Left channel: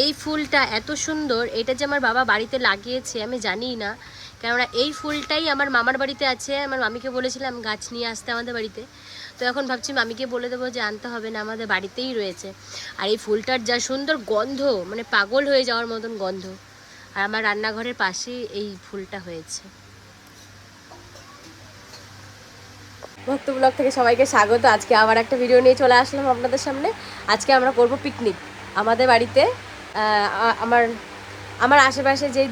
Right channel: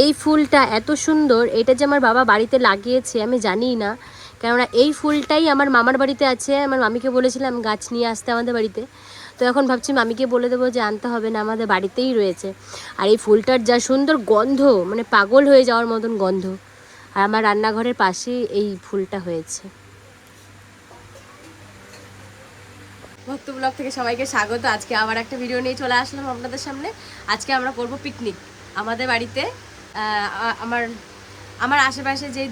এই ফুলটা এত সুন্দর, এটা যে আমার বাবা বাড়িতে লাগিয়েছে, আমি জানিই না। কেননা এই ফুলটাই আমার মামার বাড়িতে আছে, আমার মামিকে বলেছিলাম গাছ নিয়ে আসতে আমাদের বাড়িতে। তো এখন ভাবছি মামিকে বলে দেবো যে আনতে হবে না, আমাদের বাড়িতেই রয়েছে। আর এই ফুলটার যা সুন্দর গন্ধ মানে পাগল হয়ে যাওয়ার মতন গন্ধ। আর আমার রান্নাঘরের পাশেই এই ফুলটা হয়েছে। ভক্ত ব্লগ থেকে সবাইকে স্বাগত। আজকে আবার একটা ভিডিও নিয়ে চলে আসলাম আপনাদের সামনে। আজকে আমরা করব পিকনিক। আমাদের বাড়িতে আমার আমার আশেপাশে যে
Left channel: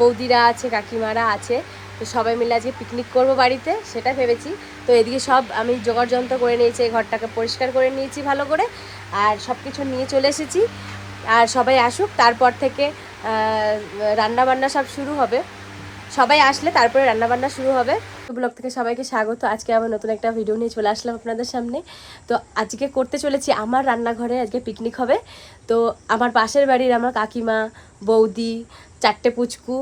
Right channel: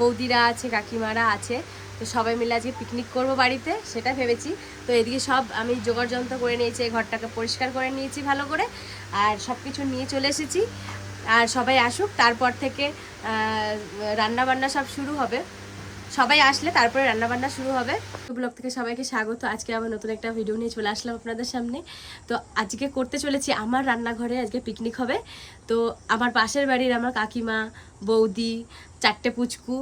বৌদিরা আছে, কাকিমারা আছে, তো সবাই মিলে আজকে পিকনিক করব বাড়িতে, সেটা ভেবেছি। তো এদিকে সব আমি জোগাড় যন্ত্র করে নিয়েছি ঘরটাকে পরিষ্কার করে নিয়েছি ভালো করে, আর সব কিছু নিয়ে চলে এসেছি। আর সবাই আসুক, তারপর থেকে রান্না বান্না সব শুরু হবে। সবাই আসলে তারপরে রান্নাবান্না শুরু হবে। ব্লগ থেকে সবাইকে স্বাগত। আজকে আবার নতুন একটা ভিডিও নিয়ে চলে আসলাম আপনাদের সামনে। তো আজকে করতে চলেছি আমার রান্নাঘরে আজকে পিকনিক হবে। তো আমার পাশের বাড়ির আমার কাকিমা, বৌদি, চারটে পুচকু,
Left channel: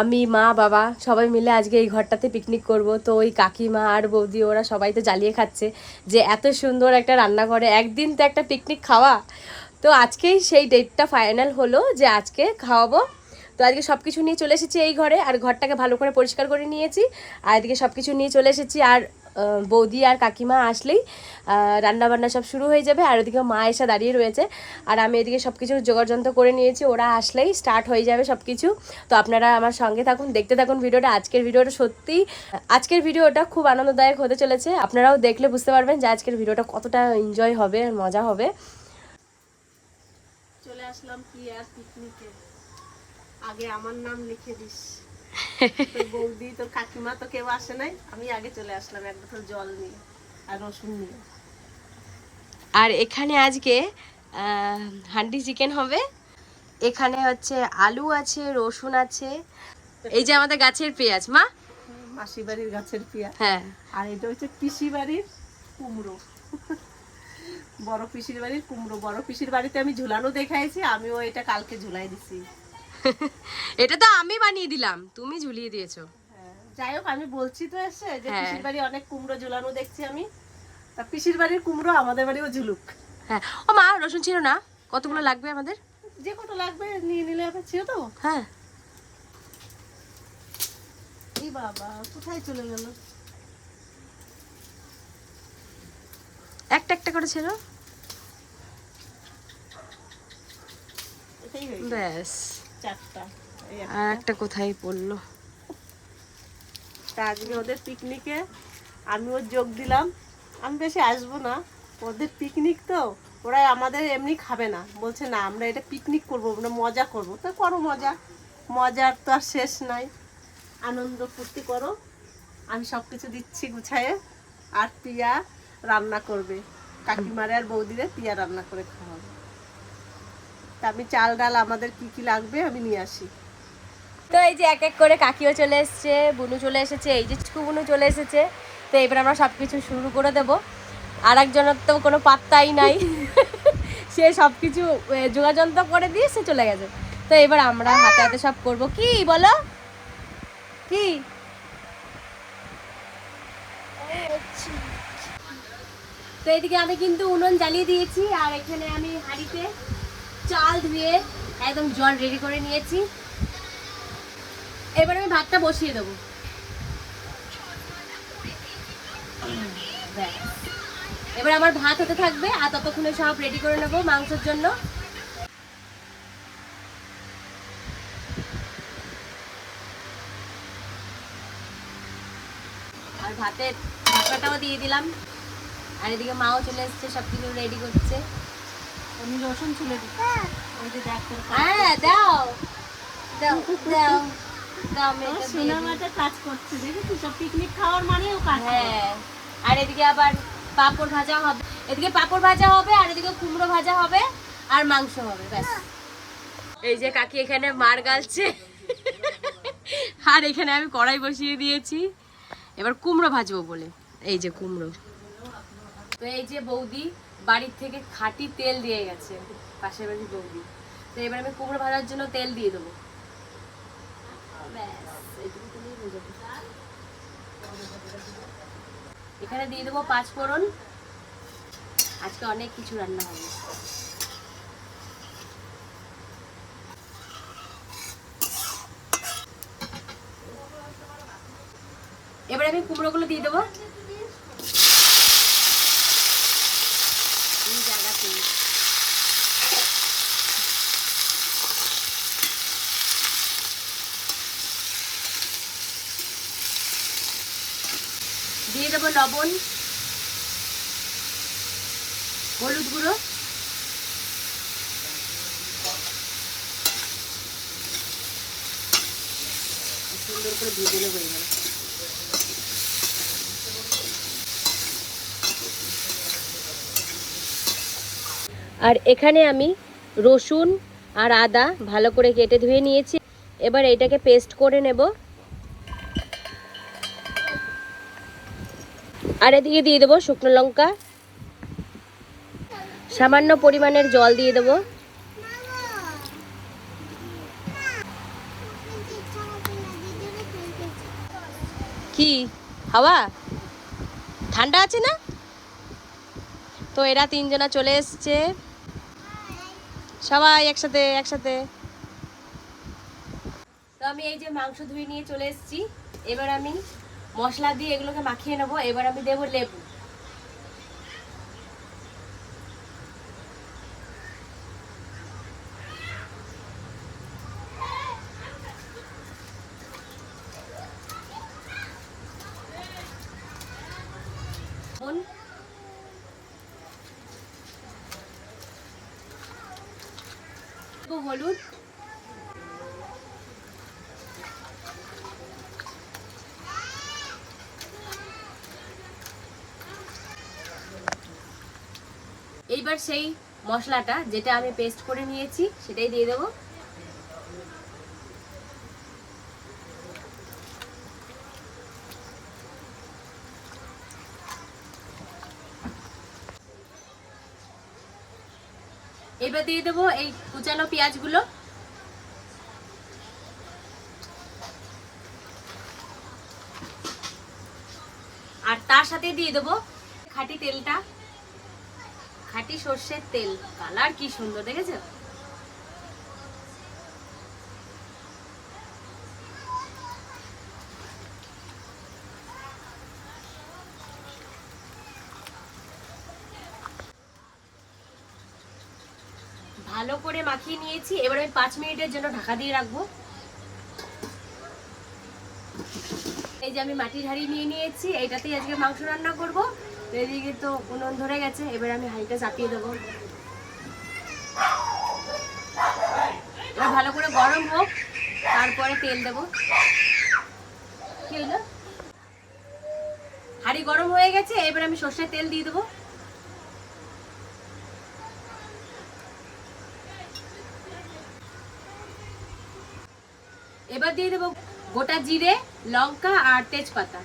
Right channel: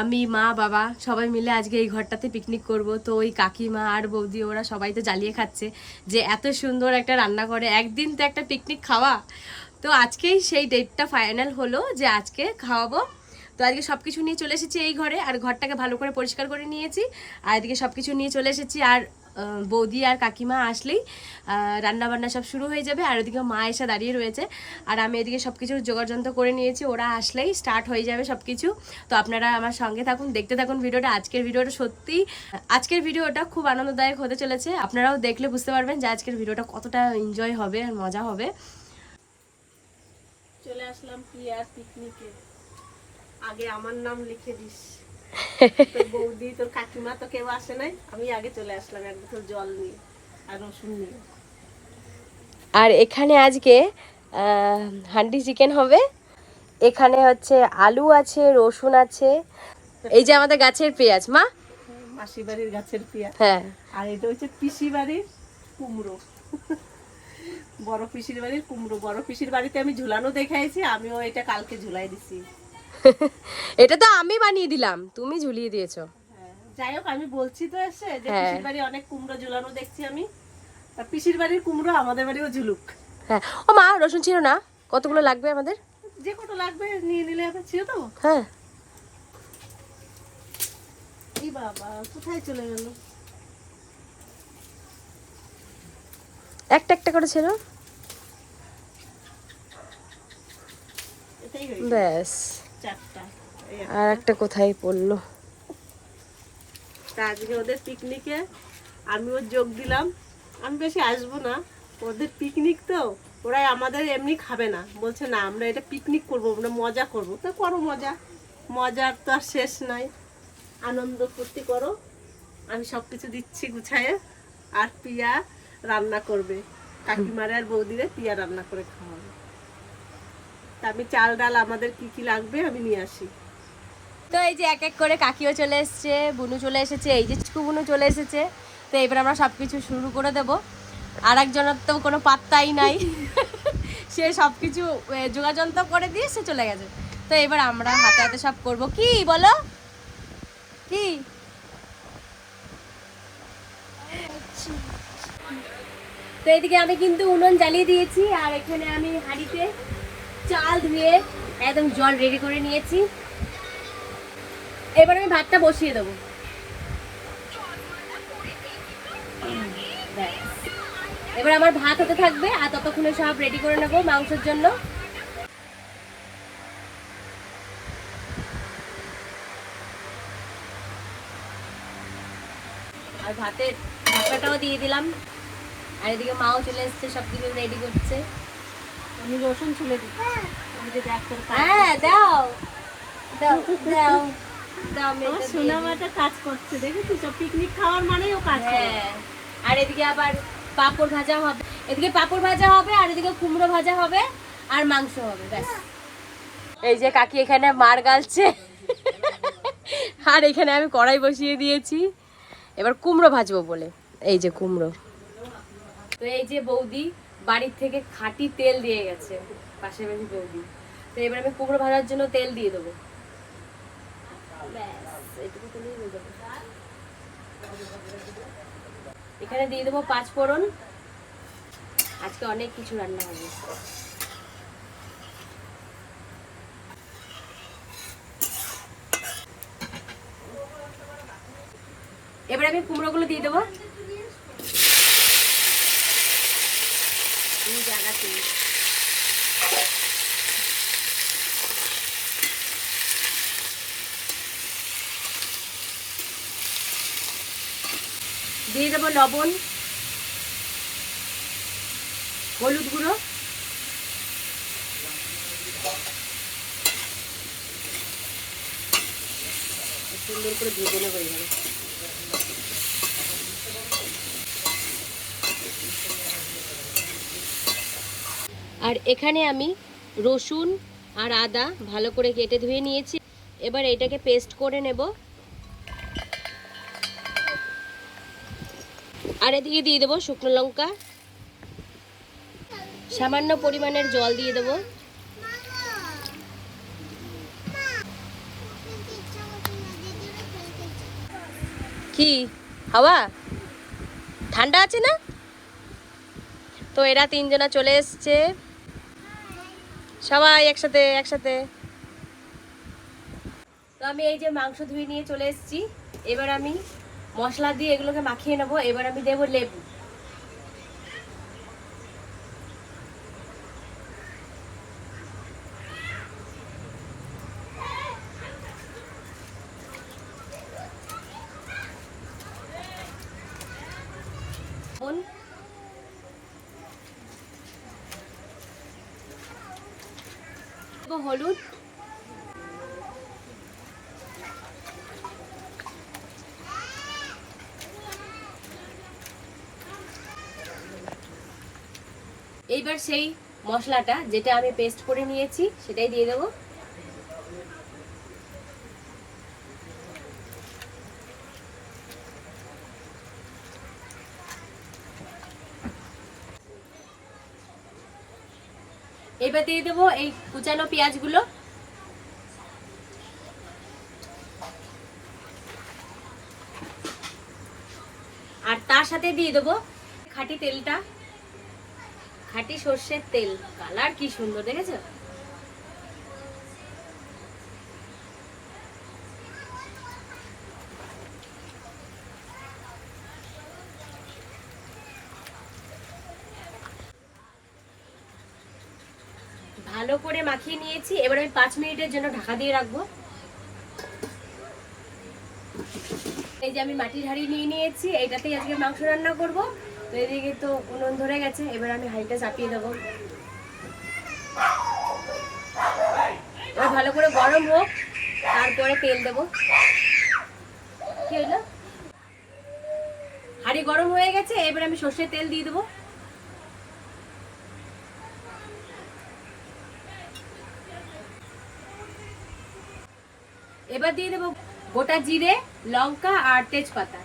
আমি, মা, বাবা সবাই মিলে আজকে এই ঘরটাতে পিকনিক করব। তো ওই কাকিমা আর বৌদি ওরা সবাই তো জ্বালিয়ে খাচ্ছে যে এত সুন্দর একটা রান্নাঘরে একদিন তো একটা পিকনিক খাওয়া। তো আজকেই সেই ডেটটা ফাইনাল হলো যে আজকে খাওয়াবো তো আজকে সব কিছু নিয়ে চলে এসেছি এই ঘরে, আর ঘরটাকে ভালো করে পরিষ্কার করে নিয়েছি। আর এদিকে সব কিছু নিয়ে চলে এসেছি, আর বৌদি আর কাকিমা আসলেই রান্না বান্না সব শুরু হয়ে যাবে, আর ওদিকে মা এসে দাঁড়িয়ে রয়েছে। আর আমি এদিকে সব কিছু যোগাড়যন্ত্র করে নিয়েছি, ওরা আসলেই স্টার্ট হয়ে যাবে সব কিছু তো আপনারা আমার সঙ্গে থাকুন, দেখতে থাকুন ভিডিওটা, আজকের ভিডিওটা সত্যি, আজকের ভিডিওটা খুব আনন্দদায়ক হতে চলেছে। আপনারাও দেখলে বুঝতে পারবেন যে আজকের ভিডিওটা কতটা এনজয় হবে আর মজা হবে। চলে আসলাম পিয়ার পিকনিকে আগে আমার নাম লিখে দিস। তোর বৌদি তোর কাকিমা তো কেউ আসে নাই? আমি আগে চলে আসলাম এক বোতল জল নিয়ে আর রসুন নিয়ে। আর এখানে আজকে হান্ডি চিকেন হবে। এখানে হচ্ছে আলু আছে রসুন আছে। এই যে আমাদের গাছের পেঁয়াজ মা? মাসি বাড়ির গাছের পেঁয়াজ। হ্যাঁ। আর এটা হচ্ছে পিসি বাড়ির কুমড়ো। বড় পিসির বাড়ির কুমড়ো। বড় পিসির বাড়িতে আমি ঝুলানো দেখাইছি আমিও এটা কালকে ঝুলাই দিছি। এটা তো আমি বানিয়ে দিলাম তুমি ঝুলিয়ে দিয়েছ। হ্যাঁ, যাই হোক আমি বলছি তো এসে যে হ্যাঁ। পিসির বাড়ি অনেক কুমড়ো ঝুলানো দেখছি আমি। তা পিসির বাড়ির কুমড়ো আমাদের বাড়িও ঝুলুক। হ্যাঁ। ও মা রসুন ছিল না? কতগুলো লাগবে আমাদের? যে কত লাগবে নিয়ে নিলে এবার ছিল তো? হ্যাঁ। এই বাবা কোথায় চলে গেল? একটা একটা করে ছিল। ব্যাস। আর একটা কোথায় পড়ল? তা আজকে ওদের পিকনিকে আমিও যোগ দিলাম। আমি বেশি আসব না। ওদের পিকনিক তো ওরা আমাদের এমনি খাবে না। বলছে না আমরা এটা পিকনিক করব আমরা মজা করব। তো করো মজা। মজার তো আর শেষ নাই। আনন্দ ফুর্তি করো। আমি সব কিছু দিচ্ছি গুছায়ে। আর পিয়া রান্না করবে। কাকিমারে আর বৌদিরে পিয়া রান্না করে খাওয়াবে। তা আমি চাল, ডাল আমাদের কি কি লাগবে আমি নিয়ে আসি। তো এই যে এক এক করে কাকিও চলে এসেছে, বুনু চলে এসেছে, এই যে চিকু বুনু চলে এসেছে। তো এবার আমরা সব কিছু শুরু করে দেব। আর একজনের তো কোনো পাত্তাই নাই। সে সব কিছু যোগাযন্ত্র করে দিয়ে সে চলে গেছে। তো এবার আমরা হাতে হাতে সব করব। কি বলো? কি? তো এদিকে আমি কিন্তু উনুন জ্বালিয়ে দিয়েছি, আর এখানে আমি হাঁড়িতে চাল ধুয়ে একদম জল রেডি করে নিয়েছি। এবার আমি ভাতটা বসিয়ে দেবো। এবার আমার ভাত হতে থাকবে, আর ততক্ষণে সব রেডি করে নেব মাংসের জন্য। আর ভাতের ঢাকাটাও দিয়ে দিলাম। আর এদিকে মাও চলে এসছে সব কিছু রেডি করছে। আমি রসুন ছুলে দিই। ওই যে দেখ হ্যাঁ দাও। দাও দাও। কাজ করছে দেখেছিস? সব পিকনিক খাওয়ার মানেই ও কাজ হ্যাঁ আর এদিকে আবার পাপড় ভাজা হবে। এদিকে পাপড় ভাজা হবে আর এদিকে কুমড়ো ভাজা হবে আর মাংস হবে ব্যাস। এই যে কাকি এখানে মার গালছে। আর এখানে আমি কড়াই বসিয়ে দিয়েছি। এবার কুমড়ো ভাজবো বলে। এই যে কুমড়ো। তো এই যে বৌদি বাড়ির থেকে খাঁটি তেল দিয়ে গেছে পাশে বাড়ি বৌদি। তো এবার আমি কুমড়ো ভাজার জন্য তেল দিয়ে দেবো। এখানে দিয়ে দেবো পাঁচ ফোড়ন। আজকে অনেক কিছু রান্না হবে। এবার আমি কুমড়োগুলো দিয়ে দেবো। জায়গাতে দিয়ে দেবো লবণ হলুদ গুঁড়ো। সুন্দর করে ভেজে নেব এইভাবে। আর এখানে আমি রসুন আর আদা ভালো করে কেটে ধুয়ে নিয়েছি। এবার এটাকে পেস্ট করে নেব। আর এদিকে দিয়ে দেবো শুকনো লঙ্কা। সামান্য পরিমাণের জল দিয়ে দেবো। কি? হাওয়া? ঠান্ডা আছে না? তো এরা তিনজনা চলে এসছে। সবাই একসাথে একসাথে। তো আমি এই যে মাংস ধুয়ে নিয়ে চলে এসেছি। এবার আমি মশলা দিয়ে এগুলোকে মাখিয়ে নেব। এবার আমি দেবো লেবু নুন, দেবো হলুদ। এইবার সেই মশলাটা যেটা আমি পেস্ট করে নিয়েছি সেটাই দিয়ে দেবো। এবার দিয়ে দেবো এই কুচানো পেঁয়াজগুলো। আর তার সাথে দিয়ে দেবো খাটি তেলটা। খাটি সর্ষের তেল। কালার কি সুন্দর, দেখেছ? ভালো করে মাখিয়ে নিয়েছি। এবার আমি পাঁচ মিনিটের জন্য ঢাকা দিয়ে রাখব। এই যে আমি মাটির হাঁড়ি নিয়ে নিয়েছি, এইটাতেই আজকে মাংস রান্না করব। এদিকে তো উনুন ধরে গেছে, এবার আমি হাঁড়িটা চাপিয়ে দেবো। এবার ভালো করে গরম হোক, তারপরে তেল দেবো। কি হলো? হাঁড়ি গরম হয়ে গেছে, এবার আমি সর্ষের তেল দিয়ে দেবো। এবার দিয়ে দেবো গোটা জিরে লঙ্কা আর তেজপাতা।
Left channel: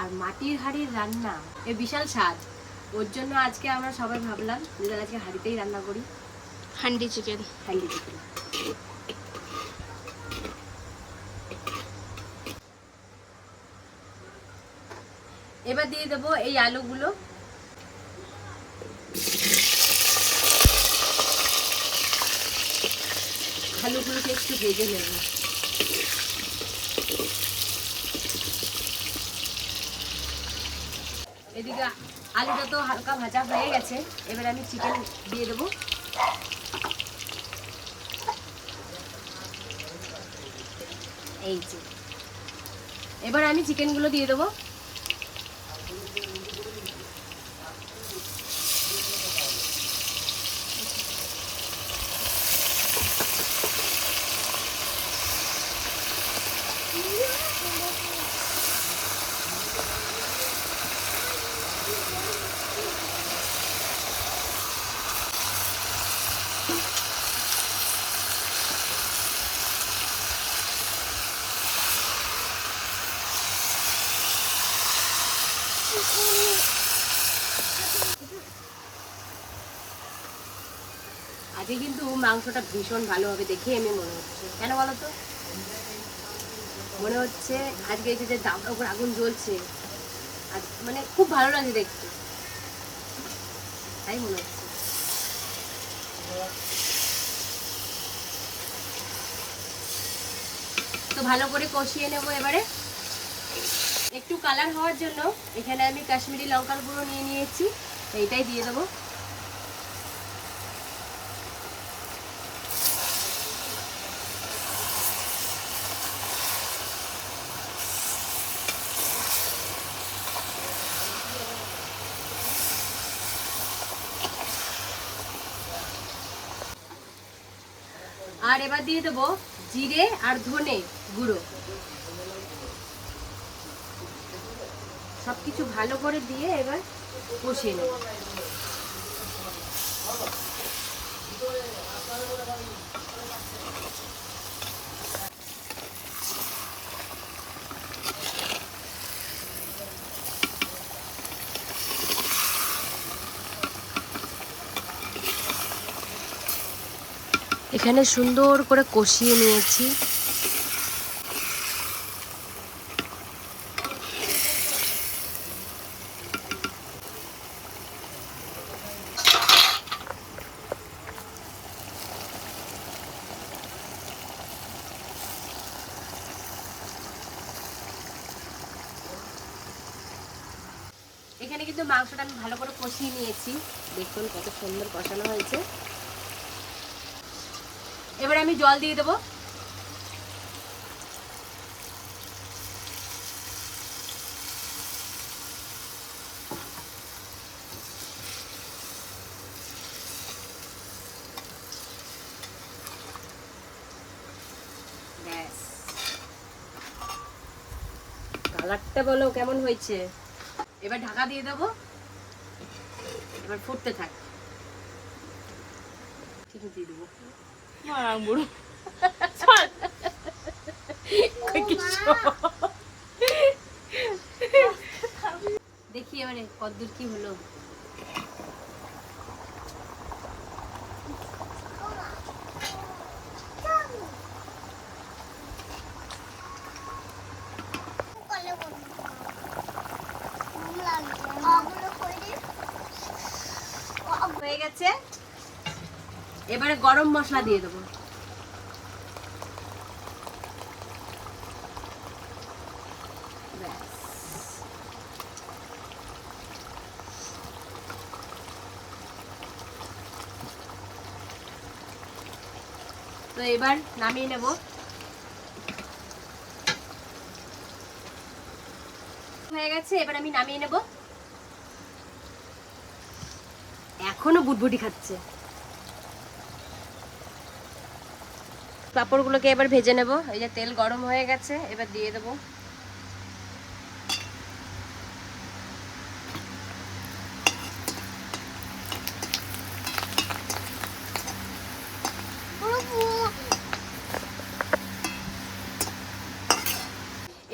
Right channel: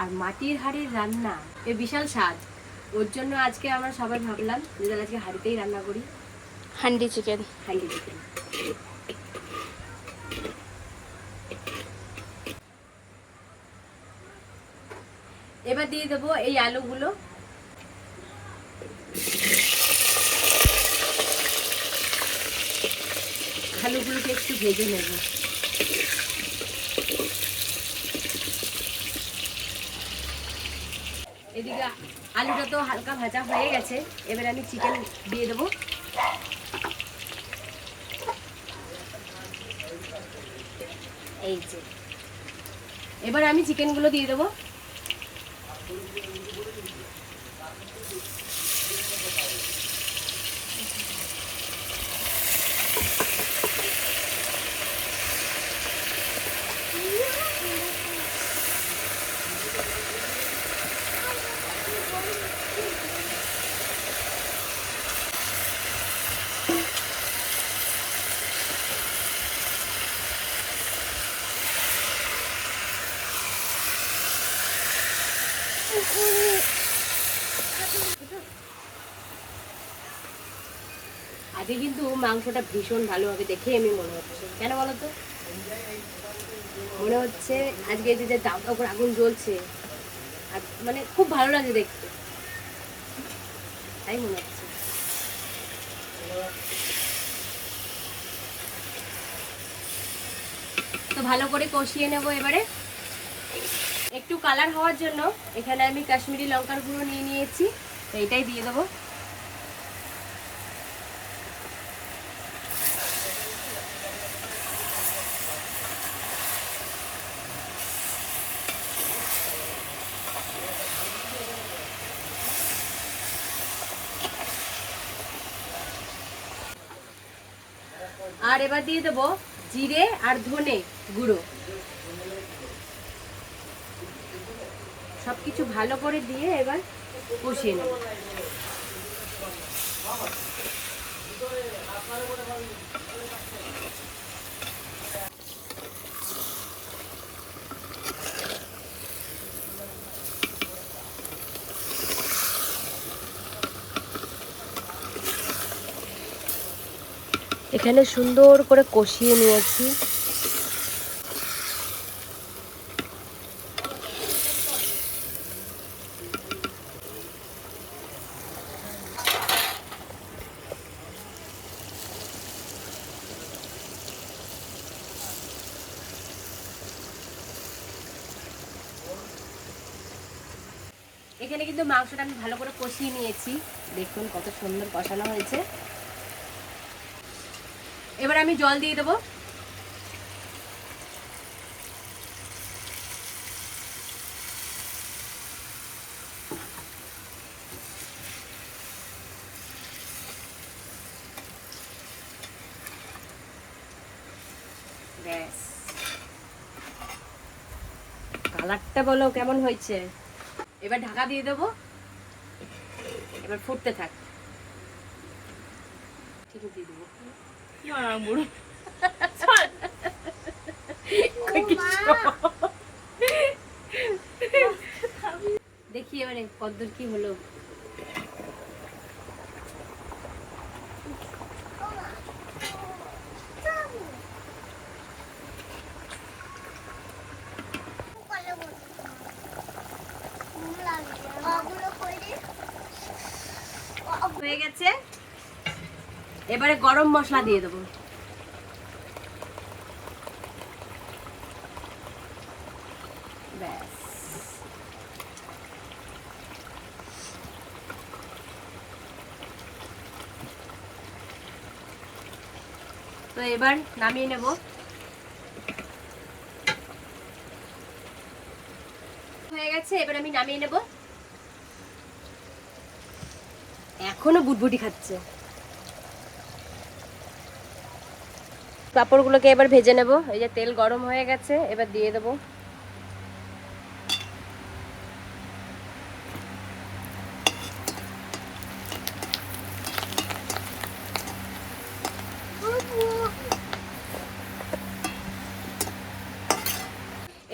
আর মাটির হাড়ের রান্না এ বিশাল স্বাদ। ওর জন্য আজকে আমরা সবাই ভাবলাম যে আজকে হাঁড়িতেই রান্না করি। হান্ডি চিকেন। হান্ডি চিকেন। দিয়ে দেবো এই আলুগুলো। আলুগুলোকে একটু ভেজে নেব। এদিকে আলুটা তো হালকা ভাজা হয়ে গেছে, এবার আমি চিকেন দিয়ে দেবো। এই যে। এবার আমি চিকেনগুলো দিয়ে দেবো। আজকে কিন্তু মাংসটা ভীষণ ভালো হবে দেখে আমি মনে হচ্ছে। কেন বলো তো? মনে হচ্ছে আজকে যে যে দাবদাব করে আগুন জ্বলছে, আর মানে খুব ভালো লাগে দেখতে। তাই মনে হচ্ছে। তো ভালো করে কষিয়ে নেব এবারে। একটু কালার হওয়ার জন্য এখানে আমি কাশ্মীরি লঙ্কার গুঁড়ো নিয়ে নিয়েছি, তো এটাই দিয়ে দেবো আর এবার দিয়ে দেবো জিরে আর ধনে গুঁড়ো। সবকিছু ভালো করে দিয়ে এবার কষিয়ে নেব। এখানে সুন্দর করে কষিয়ে নিয়েছি। এখানে কিন্তু মাংসটা আমি ভালো করে কষিয়ে নিয়েছি। দেখুন কত সুন্দর কষানো হয়েছে। আমি জল দিয়ে দেবো। ব্যাস। কালারটা বলো কেমন হয়েছে? এবার ঢাকা দিয়ে দেবো। এবার ফুটতে থাক। ঠিক দিয়ে দেবো। মারা বুড়ো দেখি এবারে কদ্দূর কি হলো হয়ে গেছে এবারে গরম মশলা দিয়ে দেবো। তো এবার নামিয়ে নেব। হয়ে গেছে, এবার আমি নামিয়ে নেব। এখনও বুটবুটি খাচ্ছে। পাঁপড়গুলোকে এবার ভেজে নেব। এই যে তেল গরম হয়ে গেছে, এবার দিয়ে দেবো।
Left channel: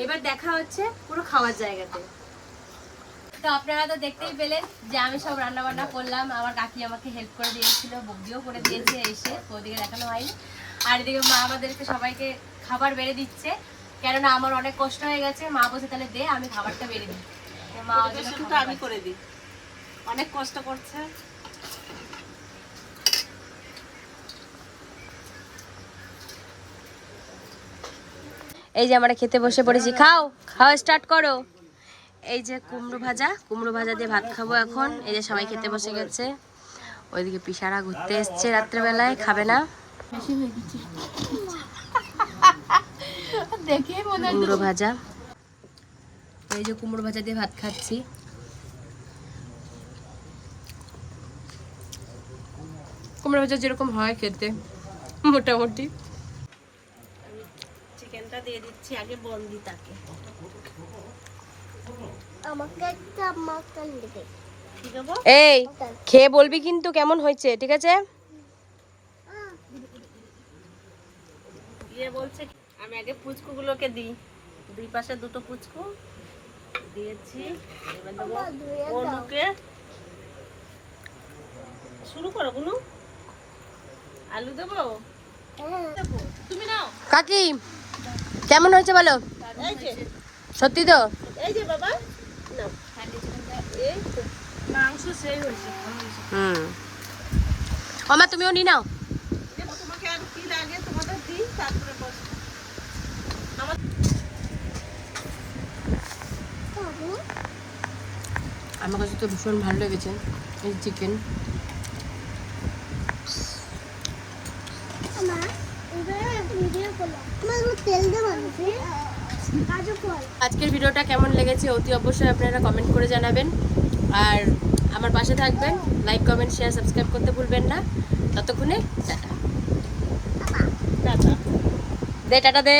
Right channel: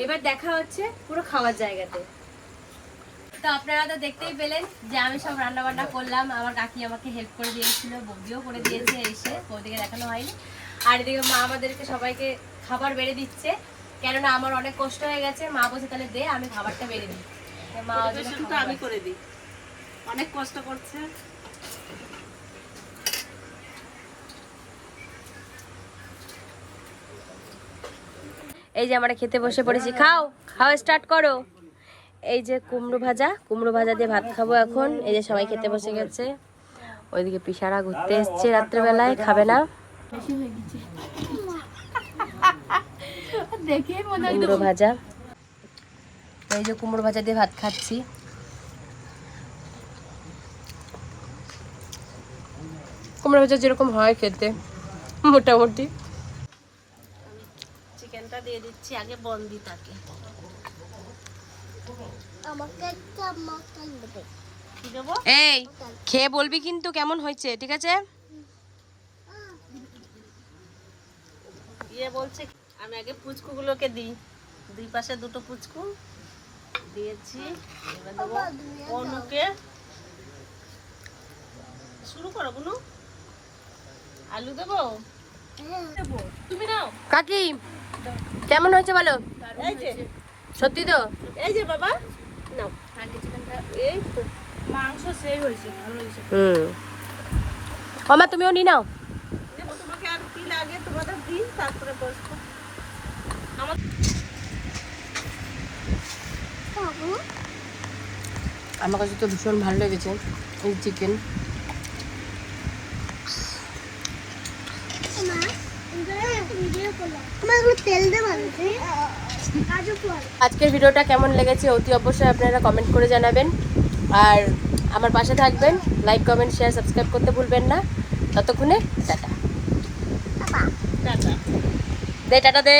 এবার দেখা হচ্ছে পুরো খাওয়ার জায়গাতে। তো আপনারা তো দেখতেই পেলেন যে আমি সব রান্না বান্না করলাম। আমার কাকি আমাকে হেল্প করে দিয়েছিল, বৌদিও করে দিয়েছে এসে। বৌদিকে দেখানো হয়নি। আর এদিকে মা আমাদেরকে সবাইকে খাবার বেড়ে দিচ্ছে। কেননা আমার অনেক কষ্ট হয়ে গেছে মা বসে তাহলে দে আমি খাবারটা বেড়ে দিই। মা আমি করে দিই। অনেক কষ্ট করছে। এই যে আমরা খেতে বসে পড়েছি। খাও খাওয়া স্টার্ট করো। এই যে কুমড়ো ভাজা কুমড়ো ভাজা দিয়ে ভাত খাব এখন। এই যে সবাই খেতে বসে গেছে। ওইদিকে পিসারা ঘুরতে এসছে রাত্রেবেলায় খাবে না। কুমড়ো ভাজা। তো এই যে কুমড়ো ভাজা দিয়ে ভাত খাচ্ছি। কুমড়ো ভাজা যেরকম হয় খেতে মোটামুটি। চিকেনটা দিয়ে দিচ্ছি আগে বন্দি তাকে এই খেয়ে বলবি কিন্তু কেমন হয়েছে ঠিক আছে? ইয়ে বলছে আমি আগে পুচকুগুলোকে দিই। দুই পাশে দুটো পুচকু দিয়েছি অনুকে। শুরু করো বুনু আলু দেবো? দেবো। তুমি নাও। কাকি কেমন হয়েছে বলো? সত্যি তো? এই যে বাবা। মাংস সেই হয়েছে হুম। ওমা তুমিও নি নাও। আর তোমাদের দিই তারপরে বসবো। আমার কাছে তো ভীষণ ভালো লেগেছে এই চিকেন আজকের ভিডিওটা কেমন লেগেছে অতি অবশ্যই আপনারা কমেন্ট করে জানাবেন। আর আমার পাশে থাকবেন লাইক কমেন্ট শেয়ার সাবস্ক্রাইব করতে ভুলবেন না। ততক্ষণে টাটা। দে টাটা দে।